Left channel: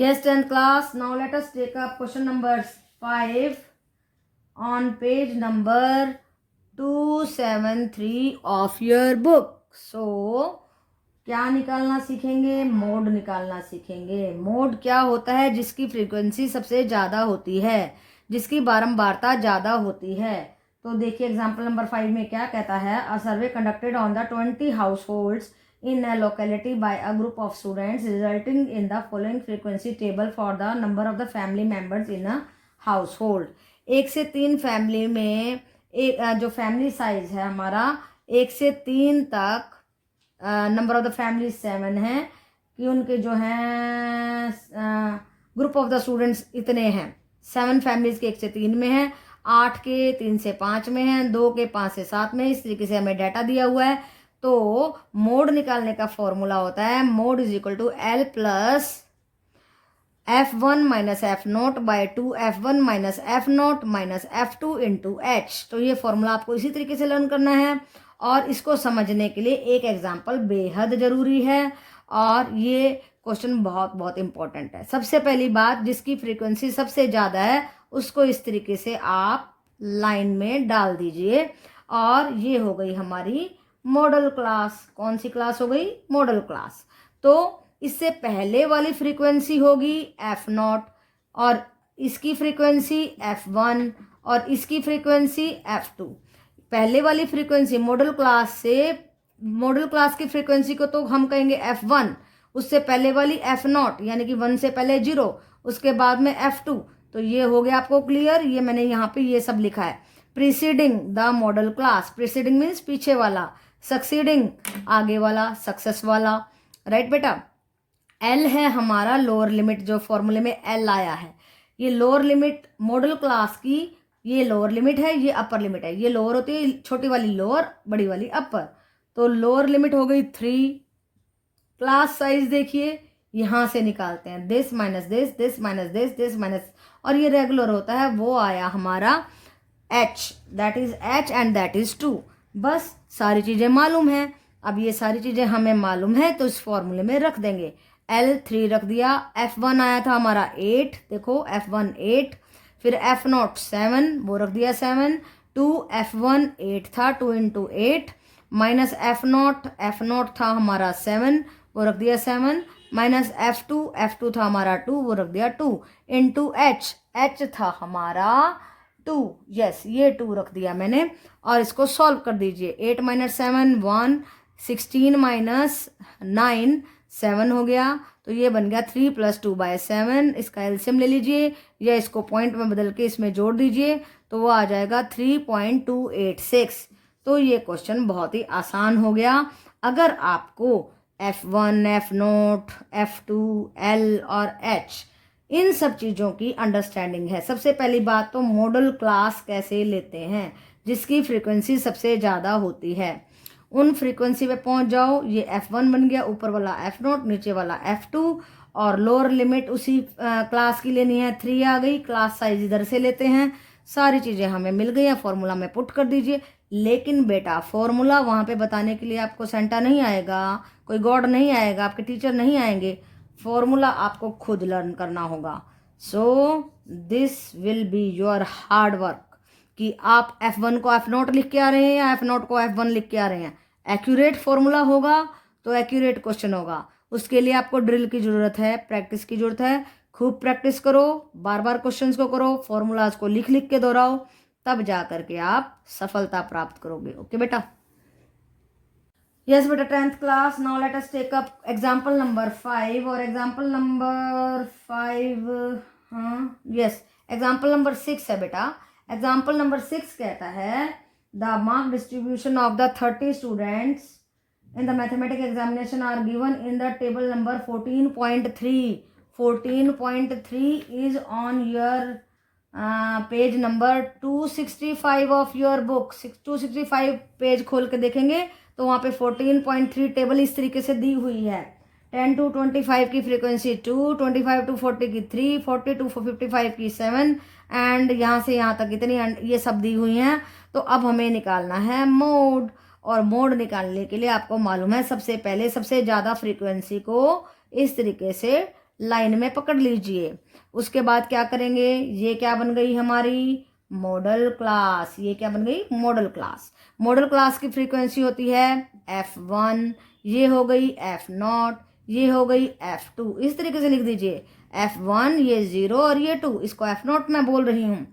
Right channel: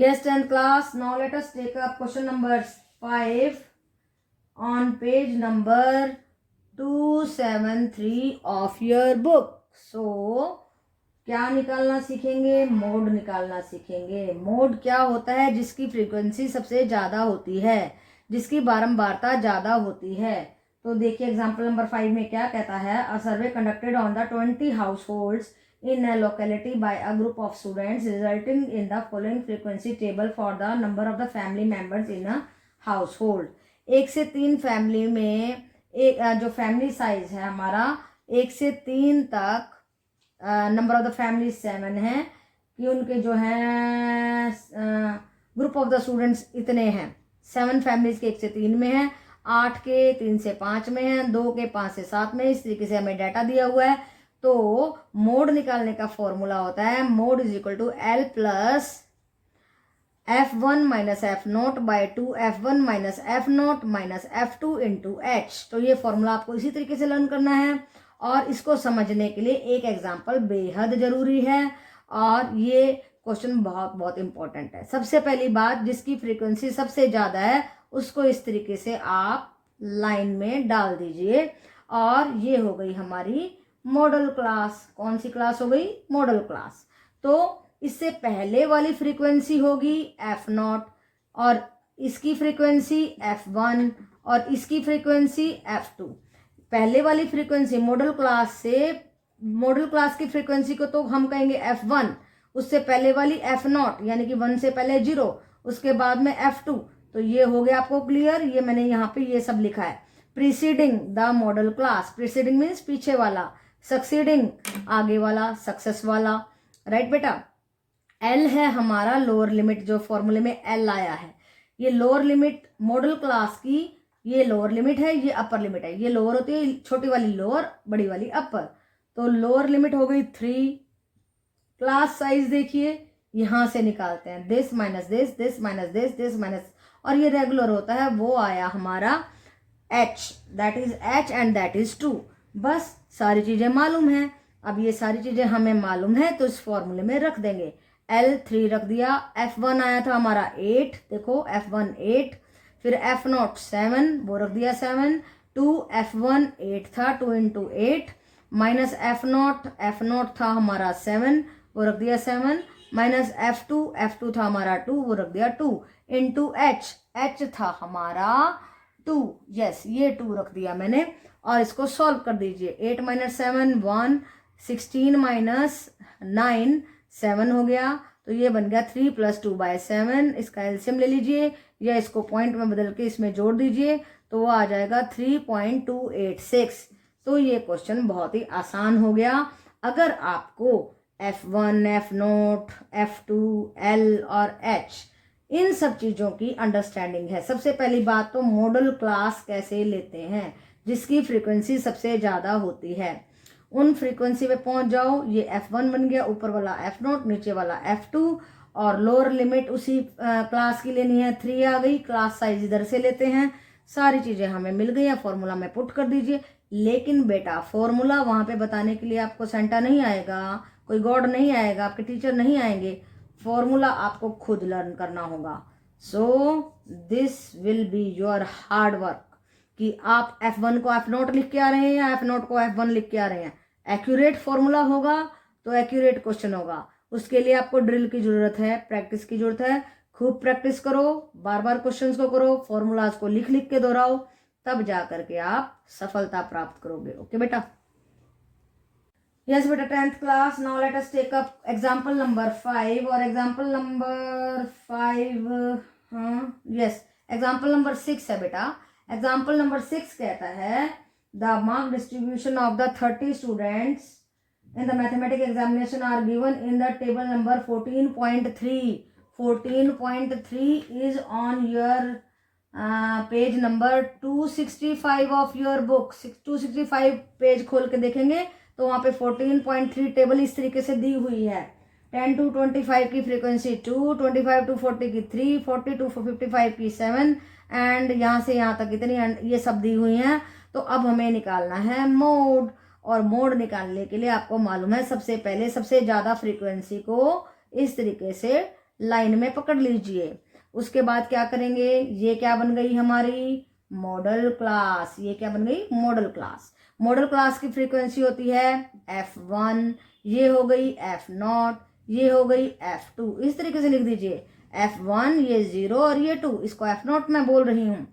Yes, 10th class. Now let us take up question number 5 on page number 273 of your book. So, क्या निकालना सीखेंगे? Mode निकालना सीखेंगे। Mode क्या होता है? जिसकी फ्रीक्वेंसी सबसे ज़्यादा होती है, जिसकी बारंबारता ज़्यादा होती है। तो देखिए एग्जाम्पल नंबर 5 में क्या कहता है। A survey conducted on the 20 households in a locality by a group of students resulting in the following frequency table for the number of the family members in a household। 1 से 3 family में एक जो family size है हमारा 1 से 3 तक, number of the family 7 है कि उनके जो हैं ग्रुप ऑफ द स्टूडेंट्स इतने हैं। 7 फैमिलीज के 1 से 3 में है, 8 के 3 से 5 में है, 2 के 5 से 7 में। इस तरीके से हमें डाटा दिया हुआ है। तो मोड निकालने का फॉर्मूला होता है mode is equal to L plus F1 minus F naught by 2 F1 minus F naught minus F2 into H. तो ये फॉर्मूला आपको इसी तरीके से लर्न करना है और इसको समझने के लिए एक एग्जाम्पल बेहद जरूरी है और ये क्वेश्चन बहुत बहुत इंपॉर्टेंट है। सबसे पहली बात, जिसकी फ्रीक्वेंसी सबसे ज्यादा है उसको इस तरीके से आप लाइन में डाल दीजिए और ये हो गई हमारी मॉडल क्लास। कौन सी क्लास हो गई? Model class. तो इससे पहले वाली फ्रीक्वेंसी होगी F0 और इसकी फ्रीक्वेंसी F1 और इसकी फ्रीक्वेंसी F2। पहले वाली फ्रीक्वेंसी मॉडल क्लास से, मॉडल क्लास की फ्रीक्वेंसी को तो हम कहेंगे F1, उससे पहले वाली F0 यानी कि 1 से पहले 0, उसके बाद में F2। तो ये हो गया आपको क्लियर। ये मैंने यहाँ पे ये सब लिखा है। Preceding the model class, preceding means पीछे वाला, सक्सीडिंग आगे वाला, सक्सेस वाला। राइट बेटा। एल है हमारा लोअर लिमिट, जो फॉर्मूले में एल आया है। ये लोअर लिमिट मॉडल क्लास की, ये लोअर लिमिट है, ये अपर लिमिट है। ये लोअर होती है, छोटी वाली लोअर, बड़ी वाली अपर। तो लोअर लिमिट हो गई 3। क्लास साइज देखिए यहां से निकालते हैं, this minus this, this minus this, this minus, और ये रेगुलर होता है, वो आया हमारा H, that is H and that is 2। बस सारी चीजें मालूम है। अब ये सारी चीजें हमें मालूम है तो इस फॉर्मूले में रख देंगे। L3 रख दिया। F1 आया था हमारा 8, देखो F1 8, फिर F0 7, वो रख दिया 7, 2 F1 8 था, 2 इंटू 8 माइनस F0 था हमारा 7, वो रख दिया 7, माइनस F2 था हमारा 2, वो रख दिया 2 इंटू H था हमारा 2। यस, ये 2 रख दिया मैंने और इसको सॉल्व कर दीजिए। 8 माइनस 7 1, 16 माइनस 9 7 हो गया। तो ये बन गया 3 प्लस 2 बाय 7। इसका एलसीएम ले लीजिए या इसको पॉइंट में बदल के इसमें जोड़ दीजिए तो वो आ जाएगा 3.286। तो ये क्वेश्चन बहुत ही आसान हो गया। अगर आपको F1, F0, F2, L और H इन सब चीजों की अंडरस्टैंडिंग है। सबसे पहली बात तो मॉडल क्लास कैसे लेते हैं, जिसकी फ्रीक्वेंसी सबसे ज्यादा होती है उन फ्रीक्वेंसी पे पहुंच जाओ। ये F1 बन गया, ऊपर वाला F0, नीचे वाला F2 और लोअर लिमिट उसी क्लास की लेनी है, 3 आ गई। क्लास साइज इधर से लेते हैं, सारी चीजें हमें मिल गई। फॉर्मूला में पुट कर दीजिए। लेकिन बेटा फॉर्मूला वहां पे बताने के लिए आपको सेंटा नहीं आएगा, कोई गॉड नहीं आएगा, आपके टीचर नहीं आएंगे। फॉर्मूला आपको खुद लर्न करना होगा। So this will be your hard work कि आप F1 को F0 लिख के आ रहे हैं या F0 को F1 लिख के आ रहे हैं। एक्यूरेट फॉर्मूला होगा तो एक्यूरेट क्वेश्चन होगा। उसके लिए आपको ड्रिल की जरूरत है, प्रैक्टिस की जरूरत है। खूब प्रैक्टिस करो, बार बार क्वेश्चंस को करो, फॉर्मूलाज को लिख लिख के दोहराओ, तब जा करके आप सफलता प्राप्त करोगे। ओके बेटा। यस बेटा, 10th class. Now let us take up example number 5 और example number 5 yes example number 6 है बेटा। एग्जांपल नंबर 6 कहता है the mark distribution of the 30 students in the mathematics examination are given in the table number 14.3. 14.3 is on your page number 265 of your book। 265 page खोल के देखेंगे तो वहां पे 14.3 टेबल इस तरीके से दी हुई है। 10 to 25 की फ्रीक्वेंसी 2, 25 to 40 की 3, 40 to 55 की 7 एंड यहाँ से यहाँ तक इतनी ये सब दी हुई हैं। तो अब हमें निकालना है मोड, और मोड निकालने के लिए आपको मालूम है सबसे पहले सबसे ज्यादा फ्रीक्वेंसी को इस तरीके से लाइन में पकड़ लीजिए। उसके बाद क्या करेंगे, ये क्या बन गई हमारी मॉडल क्लास। ये क्या बन गई मॉडल क्लास। मॉडल क्लास की फ्रीक्वेंसी होती है F1, ये हो गई F0, ये हो गई F2। इस तरीके से लिख दीजिए F1 ये 0 और ये 2, इसको F0 मैं बोल रही हूं।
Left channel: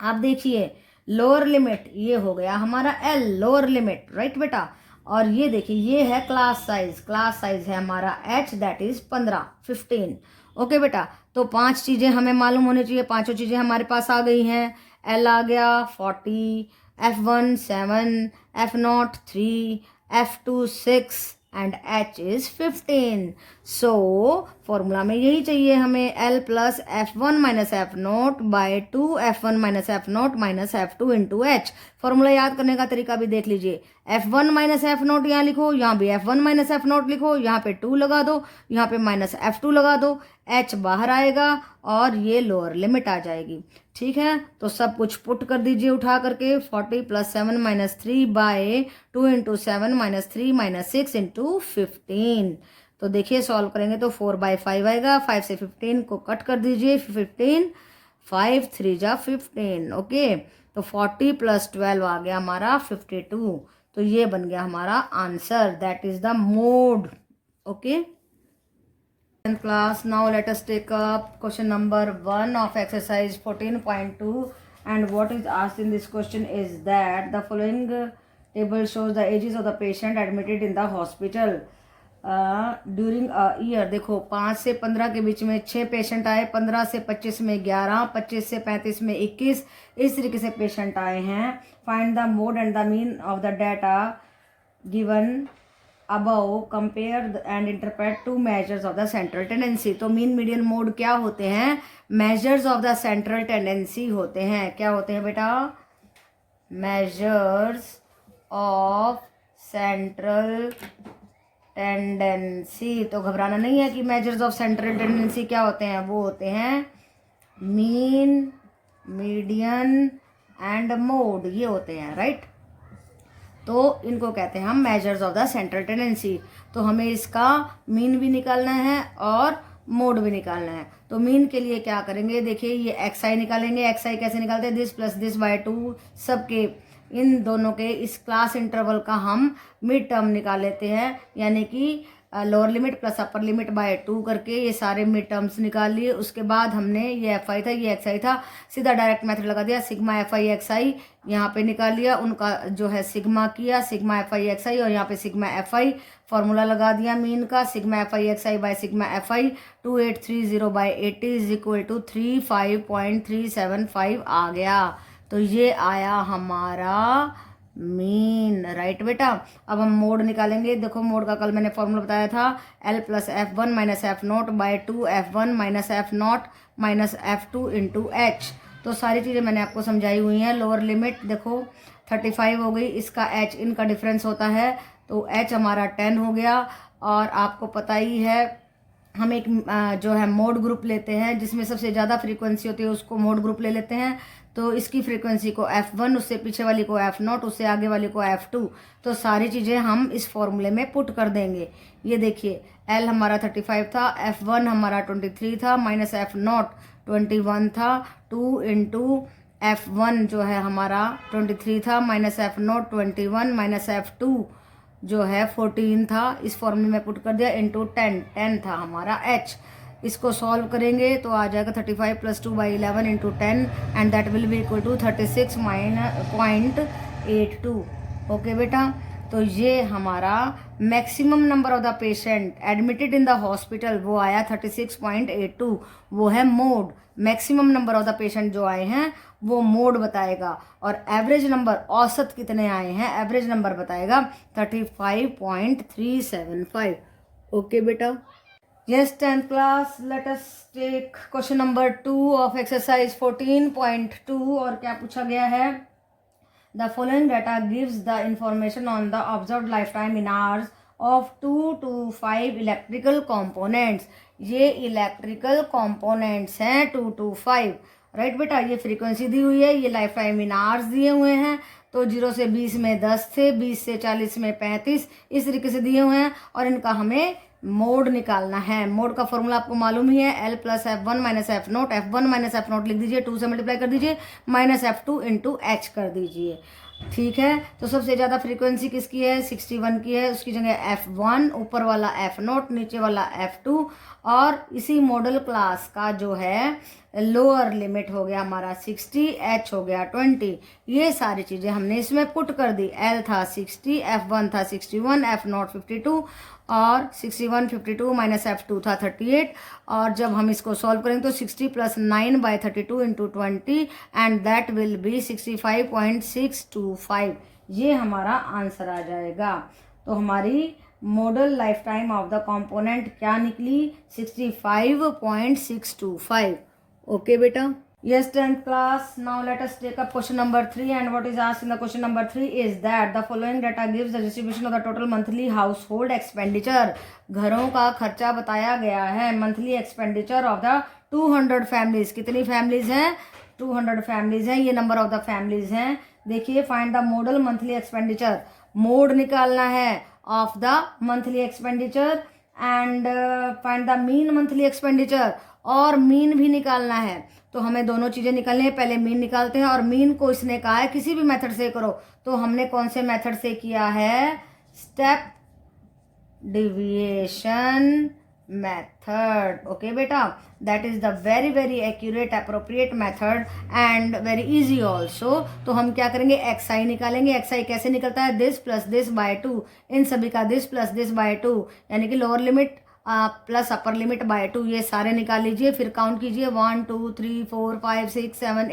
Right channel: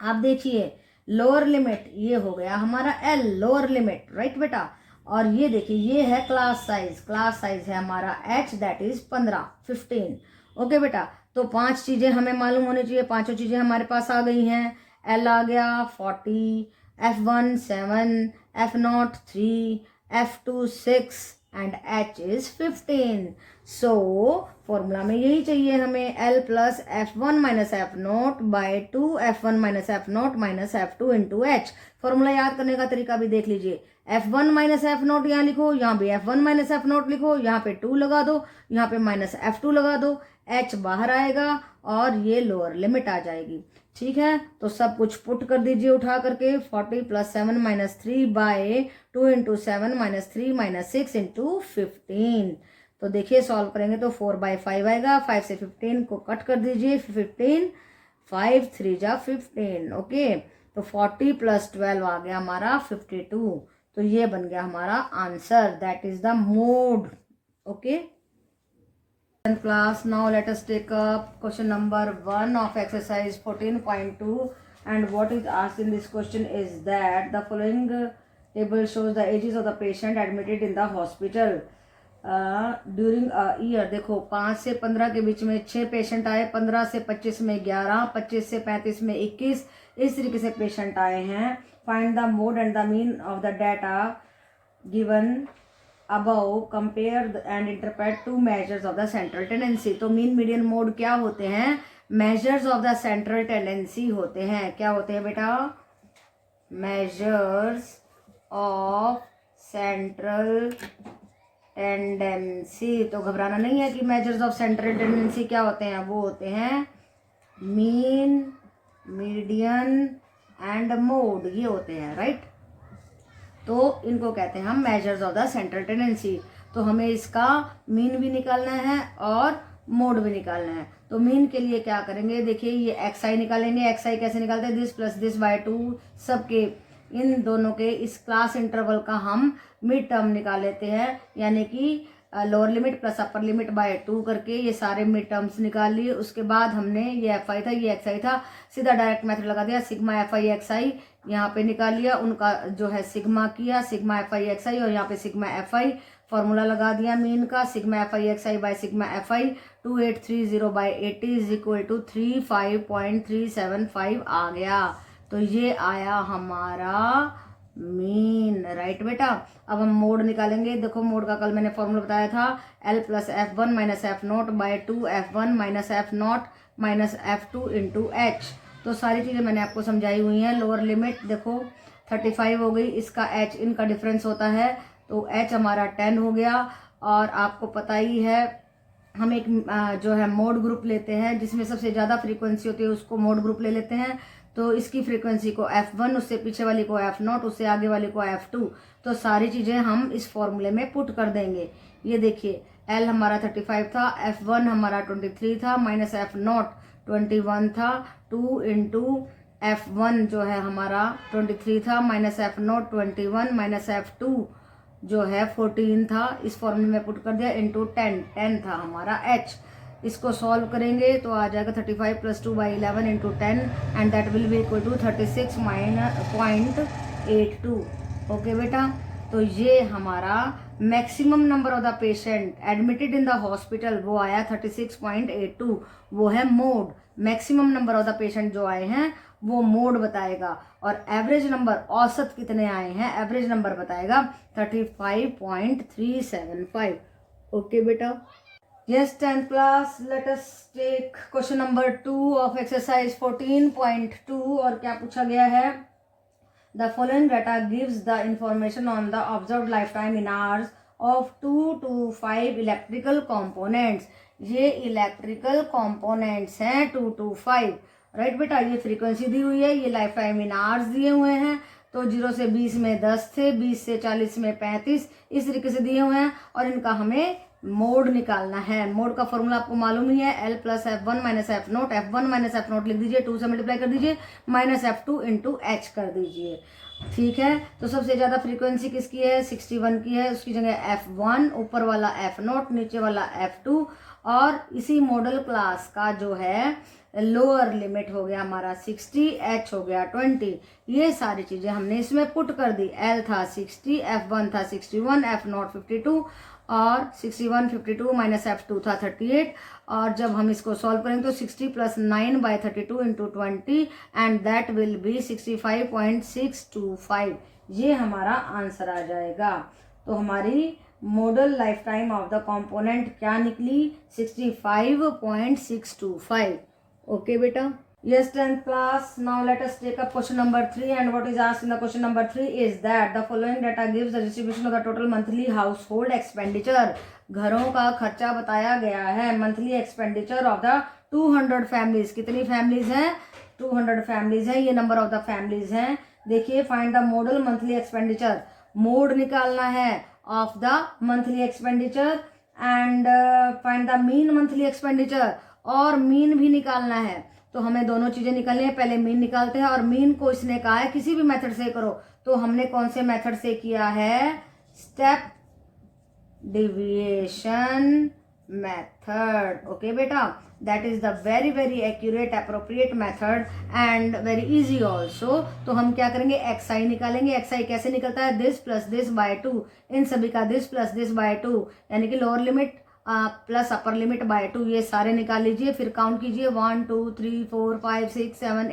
आप देखिए लोअर लिमिट ये हो गया हमारा L, लोअर लिमिट, राइट बेटा। और ये देखिए ये है क्लास साइज, क्लास साइज है हमारा H, दैट इज 15। ओके बेटा, तो 5 चीजें हमें मालूम होनी चाहिए, 5 चीजें हमारे पास आ गई हैं। L आ गया 40, F1 7, F0 3, F2 6 and H is 15। So formula में यही चाहिए हमें, L plus F1 minus F0 by 2 F1 minus F0 minus F2 into H। Formula याद करने का तरीका भी देख लीजिए, F1 माइनस F0 यहाँ लिखो, यहाँ भी F1 माइनस F0 लिखो, यहाँ पे 2 लगा दो, यहाँ पे माइनस F2 लगा दो, H बाहर आएगा और ये लोअर लिमिट आ जाएगी। ठीक है, तो सब कुछ पुट कर दीजिए उठा करके, 40 plus 7 minus 3 by 2 into 7 minus 3 minus 6 into 15। तो देखिए सॉल्व करेंगे तो 4/5 आएगा, 5 से 15 को कट कर दीजिए, 15, 5 3 जा 15। ओके, तो 40 प्लस 12 आ गया हमारा 52। तो ये बन गया हमारा answer, that is the mode. Okay class, now let us take up question number 1 of exercise 14.2, and what is asked in this question is that the following table shows the ages of the patient admitted in the hospital during a year। देखो 5 से 15 के बीच में 6 patient आए, 15 से 25 में 11, 25 से 35 में 21, इस तरीके से पेशेंट आए हैं। Find the mode and the mean of the data given above, compare and interpret two measures of the central tendency। तो मीन मीडियन मोड क्या होते हैं, measures of the central tendency होते हैं। क्या होते हैं बेटा, measures of central tendency। तो घबराना नहीं है कि measures of central tendency क्या होते हैं, वो होते हैं मीन, मीडियन एंड मोड, ये होते हैं, राइट। तो इनको कहते हैं हम measures of the central tendency. तो हमें इसका मीन भी निकालना है और मोड भी निकालना है। तो मीन के लिए क्या करेंगे, देखिए ये एक्स निकालेंगे। एक्स कैसे निकालते हैं, दिस प्लस दिस बाय 2, सबके इन दोनों के इस क्लास इंटरवल का हम मिड टर्म निकाल लेते हैं, यानी कि lower limit plus upper limit by 2 करके ये सारे मिड टर्म्स निकाल लिए। उसके बाद हमने ये एफ आई था, ये एक्स आई था, सीधा डायरेक्ट मेथड लगा दिया, सिग्मा एफ आई एक्स आई यहाँ पे निकाल लिया, उनका जो है सिग्मा किया, सिग्मा एफ आई एक्स आई, और यहाँ पे सिग्मा एफ आई फॉर्मूला लगा दिया मीन का, sigma F I X I by sigma F I 2830 by 80 is equal to 35.375 आ गया। तो ये आया हमारा मीन, राइट बेटा। अब हम मोड निकालेंगे। देखो मोड का कल मैंने फॉर्मूला बताया था, L plus F1 minus F0 by 2 F1 minus F0 minus F2 into H। तो सारी चीज़ें मैंने आपको समझाई हुई हैं। लोअर लिमिट देखो 35 हो गई, इसका H इनका डिफरेंस होता है, तो H हमारा 10 हो गया। और आपको पता ही है हम एक जो है मोड ग्रुप लेते हैं, जिसमें सबसे ज़्यादा फ्रीक्वेंसी होती है उसको मोड ग्रुप ले लेते हैं। तो इसकी फ्रीक्वेंसी को F1, उससे पीछे वाली को F0, उससे आगे वाली को F2। तो सारी चीज़ें हम इस फॉर्मूले में पुट कर देंगे। ये देखिए L हमारा 35 था, F1 हमारा 23 था, माइनस F0 21 था, 2 इंटू F1 जो है हमारा 23 था, माइनस F0 21, माइनस F2 जो है 14 था, इस फॉर्मूले में पुट कर दिया, इंटू 10 था हमारा H। इसको सॉल्व करेंगे तो आ जाएगा 35 plus 2 by 11 into 10 and that will be equal to 36.82। Okay बेटा, तो ये हमारा maximum number of the patient admitted in the hospital वो आया 36.82, वो है mode. Maximum number of the patient जो आए हैं वो मोड बताएगा, और एवरेज नंबर औसत कितने आए हैं एवरेज नंबर बताएगा 35.375। ओके बेटा। Yes, 10th class, let us take question number 2 of exercise 14.2। और क्या पूछा गया है, the following data gives the information on the observed lifetime in hours of 2 to 5 electrical components। ये इलेक्ट्रिकल components हैं 2 to 5, right बेटा। ये फ्रीक्वेंसी दी हुई है, ये लाइफ टाइम इन आवर्स दिए हुए हैं। तो 0 से 20 में 10 थे, 20 से 40 में 35, इस तरीके से दिए हुए हैं, और इनका हमें मोड निकालना है। मोड का फॉर्मूला आपको मालूम ही है, L plus F1 minus F note. F1 minus F note लिख दीजिए, 2 से मल्टीप्लाई कर दीजिए, माइनस F2 इंटू एच कर दीजिए। ठीक है, तो सबसे ज़्यादा फ्रीक्वेंसी किसकी है, 61 की है। उसकी जगह F1, ऊपर वाला F नोट, नीचे वाला F2, और इसी मॉडल क्लास का जो है लोअर लिमिट हो गया हमारा 60, H हो गया 20। ये सारी चीज़ें हमने इसमें पुट कर दी। L था 60, F1 था 61, F नॉट 52, और 61 52 माइनस F2 था 38। और जब हम इसको सॉल्व करेंगे तो 60 plus 9 by 32 into 20 and that will B 65.625। ये हमारा आंसर आ जाएगा। तो हमारी model life time of the component क्या निकली, 65.625। ओके बेटा। Yes, 10th class. Now let us take up question number 3, and what is asked in the question number 3 is that the following data gives the distribution of the total monthly household expenditure. घरों का खर्चा बताया गया है, monthly expenditure of the 200 families. कितनी families हैं, 200 families हैं। ये नंबर ऑफ द फैमिलीज हैं। देखिए, find the model monthly expenditure, mode निकालना है of the monthly expenditure, and find the mean monthly expenditure, और मीन भी निकालना है। तो हमें दोनों चीजें निकालनी है। पहले मीन निकालते हैं, और मीन को इसने कहा है किसी भी मेथड से करो। तो हमने कौन से मेथड से किया है, स्टेप डिविएशन मेथड। ओके बेटा, that is the very very accurate appropriate method and very easy also. तो हम क्या करेंगे, एक्सआई निकालेंगे। एक्सआई कैसे निकलता है, दिस प्लस दिस बाय 2, इन सभी का दिस प्लस दिस बाय 2, यानी कि lower limit plus upper limit by 2, ये सारे निकाल लीजिए। फिर काउंट कीजिए, 1 2 3 4 5 6 7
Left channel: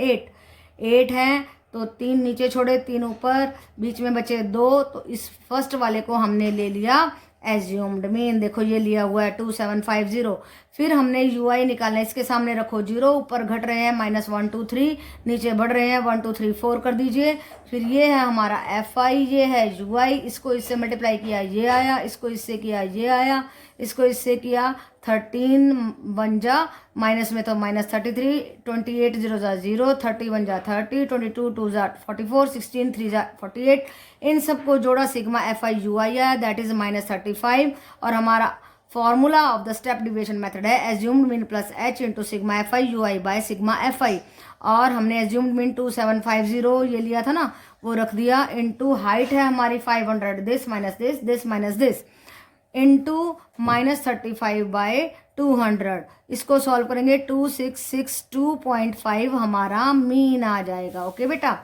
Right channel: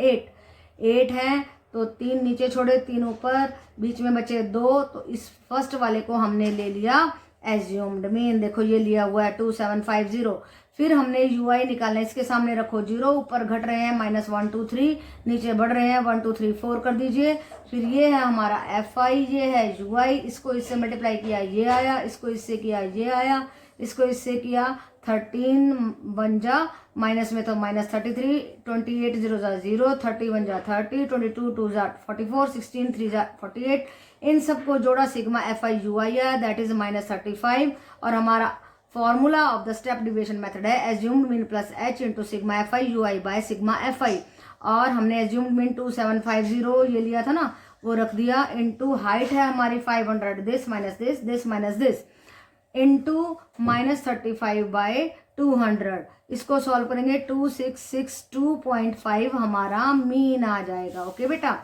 8 है, तो 3 नीचे छोड़े, 3 ऊपर, बीच में बचे 2। तो इस फर्स्ट वाले को हमने ले लिया एज्यूम्ड मीन। देखो ये लिया हुआ है 2750। फिर हमने यूआई निकालना है, इसके सामने रखो 0, ऊपर घट रहे हैं -1 2 3, नीचे बढ़ रहे हैं 1 2 3 4 कर दीजिए। फिर ये है हमारा FI, ये है UI, इसको इससे मल्टीप्लाई किया ये आया, इसको इससे किया ये आया, इसको इससे किया 13 1 जा, माइनस में तो -33, 28 0 जा 0, 31 जा 30, 22 2 जा 44, 16 3 जा 48। इन सबको जोड़ा, सिग्मा FI UI आया, दैट इज -35। और हमारा formula of the step deviation method है assumed mean plus H into sigma FI UI by sigma FI। और हमने एज्यूम्ड मीन 2750 ये लिया था ना, वो रख दिया, इंटू हाइट है हमारी 500, this minus this, this minus this, into -35 by 200। इसको सॉल्व करेंगे 2662.5 हमारा मीन आ जाएगा। ओके बेटा,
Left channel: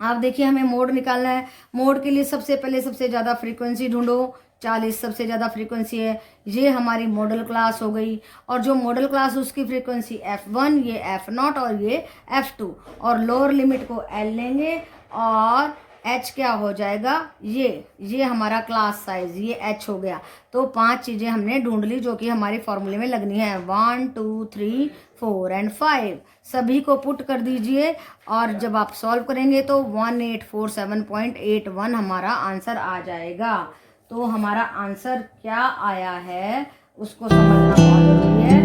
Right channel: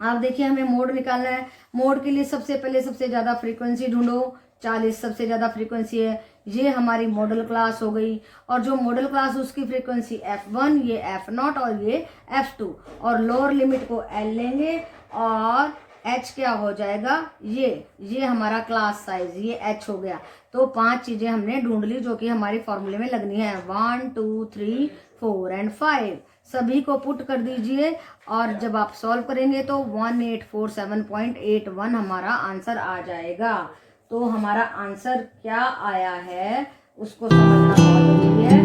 आप देखिए हमें मोड निकालना है। मोड के लिए सबसे पहले सबसे ज्यादा फ्रीक्वेंसी ढूंढो, 40 सबसे ज्यादा फ्रीक्वेंसी है। ये हमारी मॉडल क्लास हो गई, और जो मॉडल क्लास उसकी फ्रीक्वेंसी F1, ये F0 और ये F2, और लोअर लिमिट को L लेंगे, और H क्या हो जाएगा, ये हमारा क्लास साइज, ये H हो गया। तो 5 चीजें हमने ढूंढ ली जो कि हमारे फॉर्मूले में लगनी है, 1 2 3 4 एंड 5। सभी को पुट कर दीजिए, और जब आप सॉल्व करेंगे तो 1847.81 हमारा आंसर आ जाएगा। तो हमारा आंसर क्या आया है उसको समझना जरूरी है।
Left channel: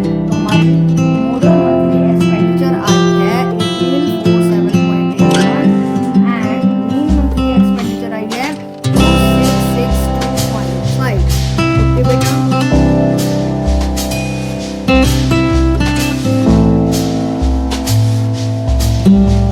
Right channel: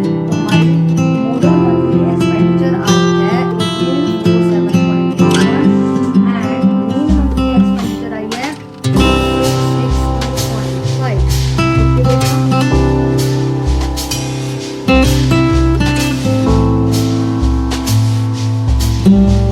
Thank you.